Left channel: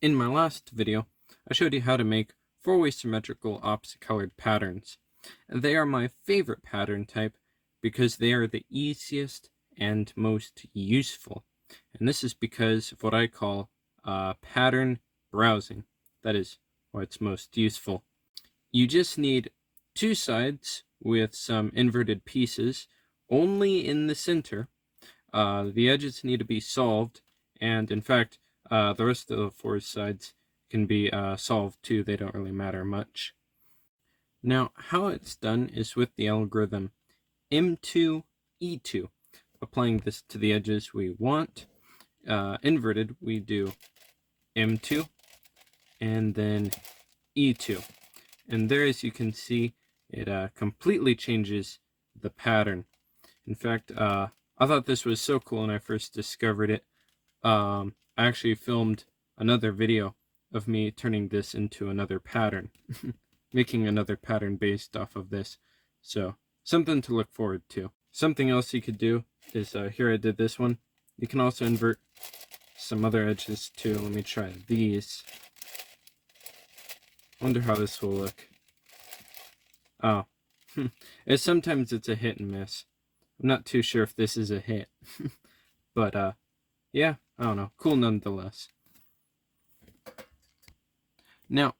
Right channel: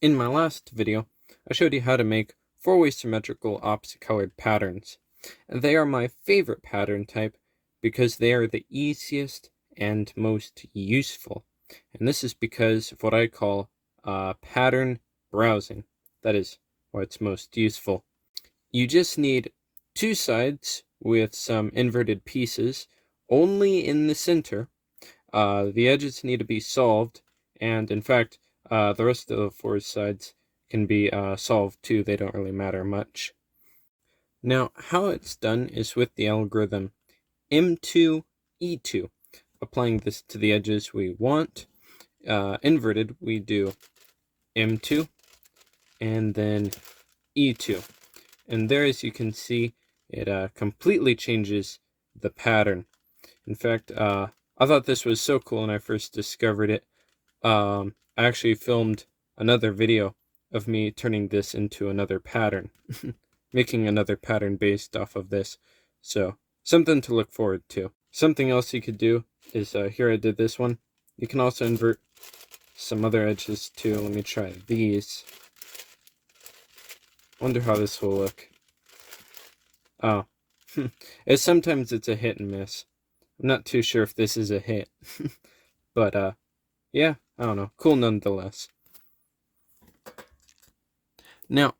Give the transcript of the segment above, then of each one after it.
In my last video, I showed you how to make four-way symmetrical opposite-colored patterns. And they are my favorite pattern type because they are the easiest and most useful. And this is because of what I call pattern browsing. That is why it's most useful. You just need two sides with some inverted pieces only in the center. The edges need to be solved, and in fact, the rest of the four sides can be solved too. They don't really matter much. Now, how it's done is with the algorithm M2, E2. Applying this to the edges we want. Inverted, we do M2 and then E2. And there, as you can see, it completely changes the pattern. In fact, I thought this was so cool when I first discovered it. I actually filmed another video of me turning this into another pattern, making another pattern based off of this. So something to look forward to. Something else you could do is, here I did this one. You can also invert some other edges too. Let me try these. Wonder how this will look. Oh, sometimes it's a hit and miss. I'm not too sure if this is a hit, but yeah, I don't know. Cool nonetheless. Now,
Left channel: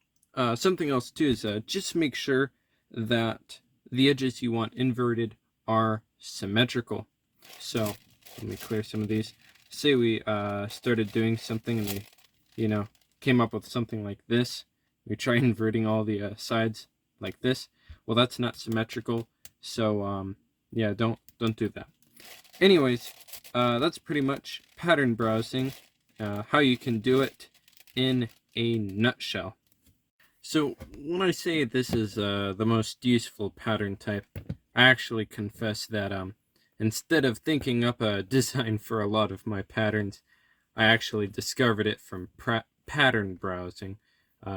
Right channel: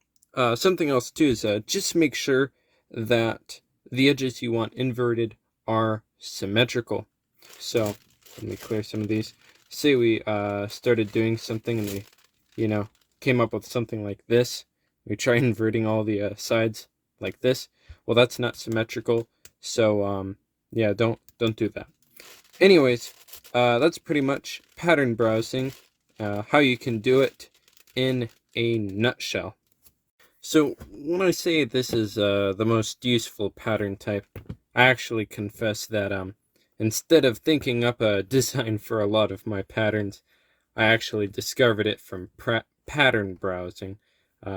something else too is just make sure that the edges you want inverted are symmetrical. So let me clear some of these. Say we started doing something and we, came up with something like this. We try inverting all the sides like this. Well, that's not symmetrical. So yeah, don't do that. Anyways, that's pretty much pattern browsing, how you can do it in a nutshell. So when I say this is the most useful pattern type, I actually confess that instead of thinking up a design for a lot of my patterns, I actually discovered it from pattern browsing.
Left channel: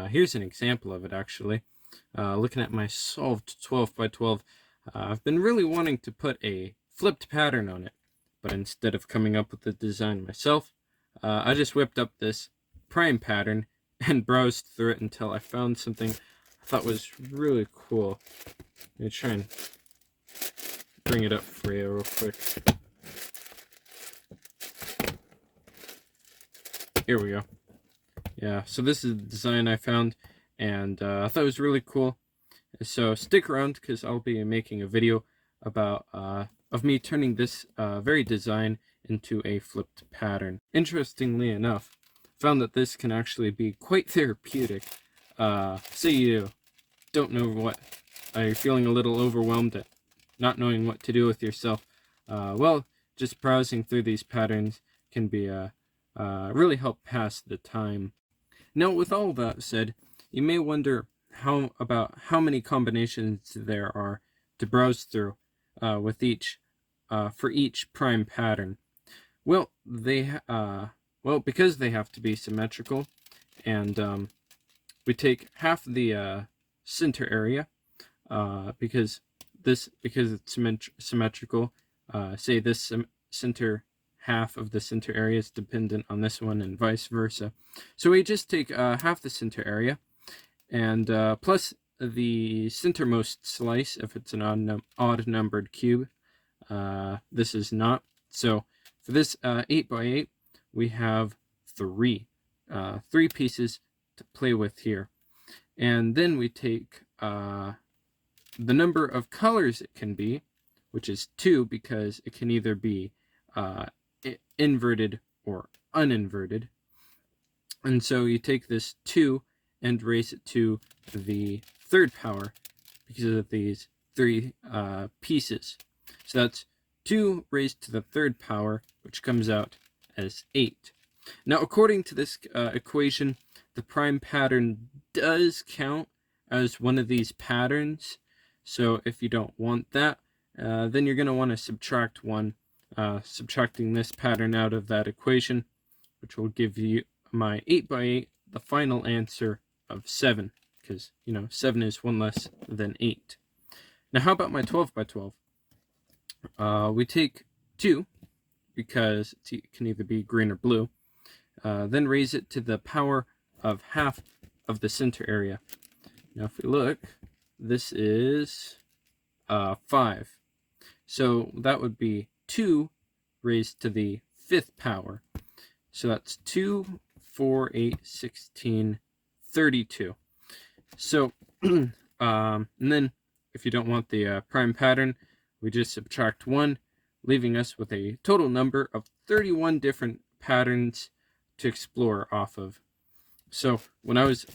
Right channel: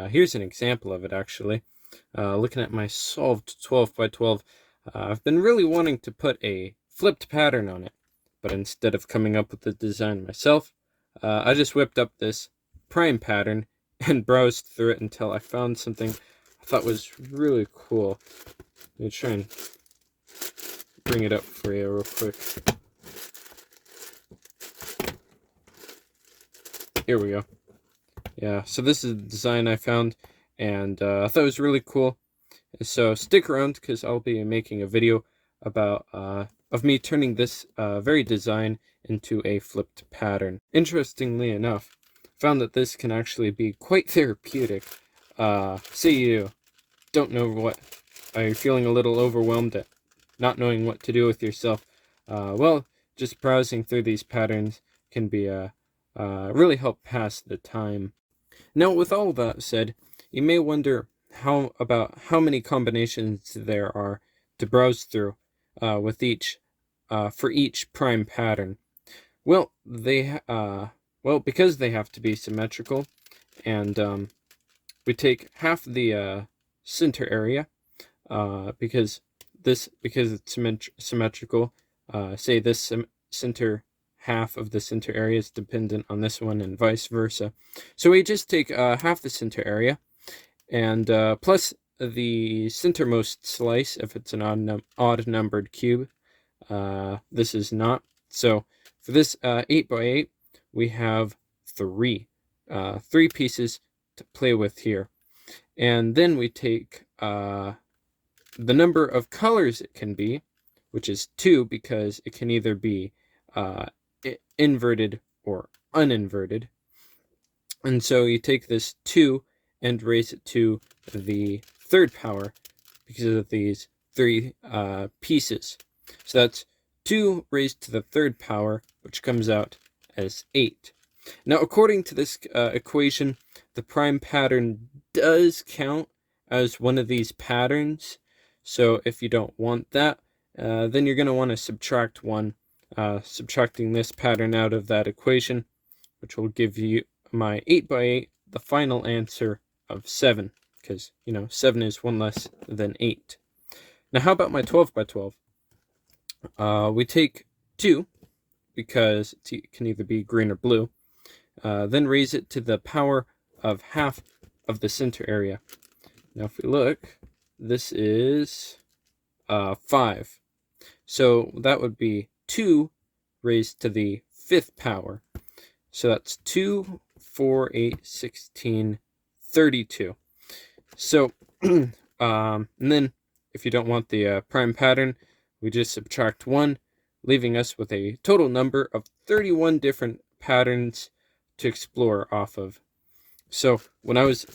Here's an example of it actually. Looking at my solved 12 by 12, I've been really wanting to put a flipped pattern on it, but instead of coming up with the design myself, I just whipped up this prime pattern and browsed through it until I found something I thought was really cool. Let me try and bring it up for you real quick. Here we go. Yeah, so this is the design I found, and I thought it was really cool. So stick around because I'll be making a video about of me turning this very design into a flipped pattern. Interestingly enough, found that this can actually be quite therapeutic. Say you don't know what, are you feeling a little overwhelmed at not knowing what to do with yourself? Well, just browsing through these patterns can be really help pass the time. Now, with all that said, you may wonder how many combinations there are to browse through with each for each prime pattern. Well, because they have to be symmetrical, and we take half the center area because it's symmetrical. Say this center half of the center area is dependent on this one, and vice versa. So we just take half the center area, and plus the centermost slice if it's an odd numbered cube. This is not. So for this 8 by 8, we have three pieces to play with here. And then we take the number of colors it can be, which is 2, because it can either be inverted or uninverted. And so you take this 2 and raise it to the third power because of these three pieces. So that's 2 raised to the third power, which comes out as 8. Now, according to this equation, the prime pattern does count as one of these patterns. So if you don't want that, then you're going to want to subtract 1, subtracting this pattern out of that equation, which will give you my 8 by 8, the final answer of 7, because, 7 is 1 less than 8. Now, how about my 12 by 12? We take 2, because it can either be green or blue, then raise it to the power of half of the center area. Now if we look, this is 5. So that would be 2 raised to the 5th power. So that's 2, 4, 8, 16, 32. So, and then if you don't want the prime pattern, we just subtract 1, leaving us with a total number of 31 different patterns to explore off of. So when I was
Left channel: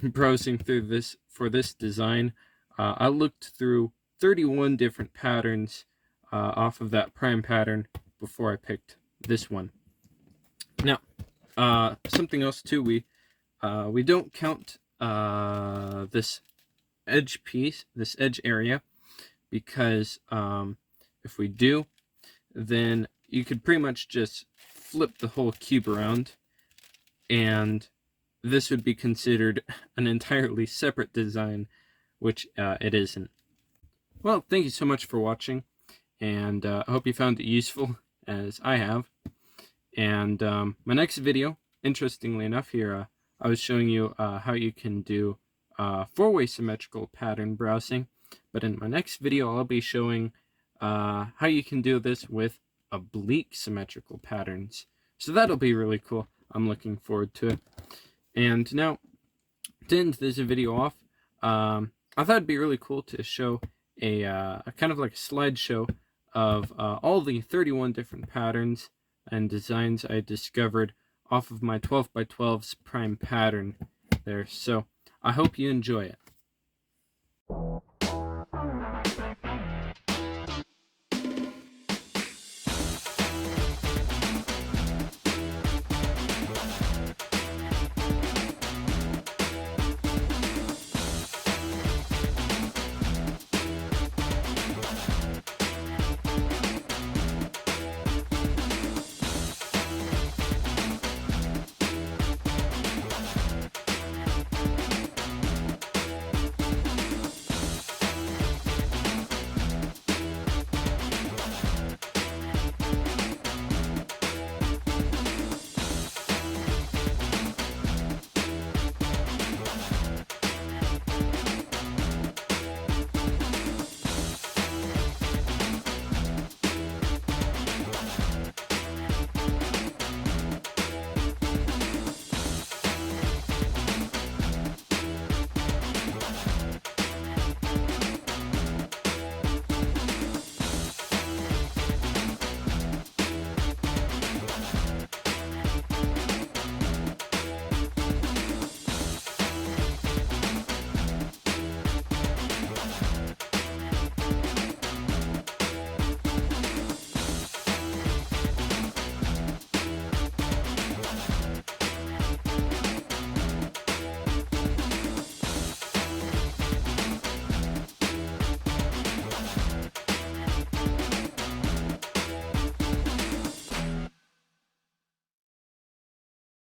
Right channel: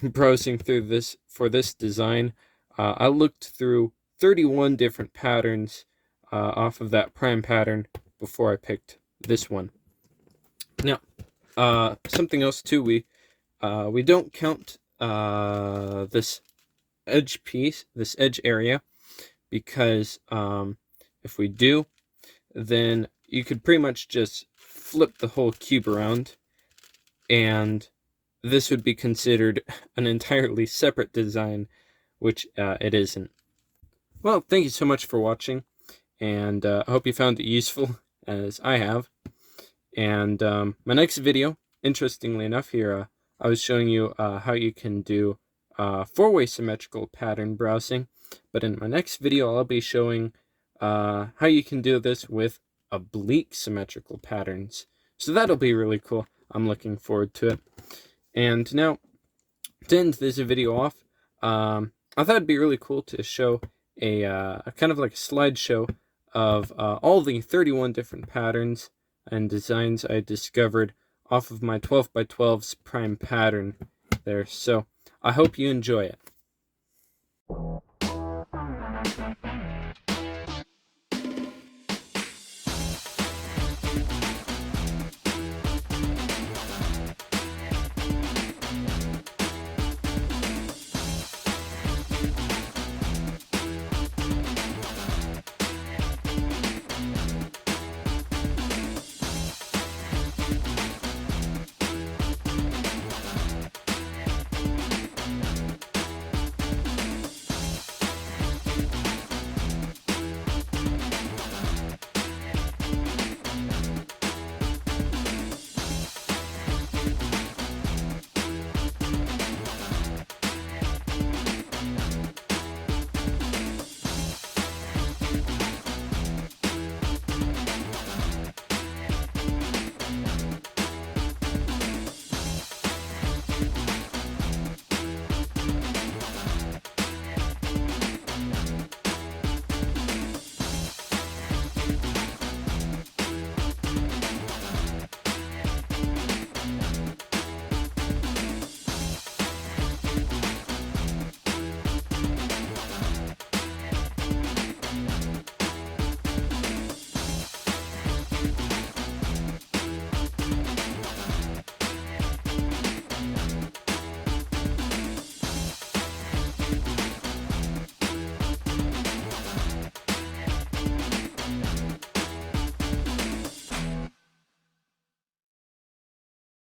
browsing through this for this design, I looked through 31 different patterns off of that prime pattern before I picked this one. Now, something else too, we don't count this edge piece, this edge area, because if we do, then you could pretty much just flip the whole cube around, and this would be considered an entirely separate design, which it isn't. Well, thank you so much for watching, and I hope you found it useful, as I have. And my next video, interestingly enough here, I was showing you how you can do 4-way symmetrical pattern browsing, but in my next video I'll be showing how you can do this with oblique symmetrical patterns. So that'll be really cool. I'm looking forward to it. And now, to end this video off, I thought it'd be really cool to show a kind of like a slideshow of all the 31 different patterns and designs I discovered off of my 12x12's prime pattern there. So I hope you enjoy it.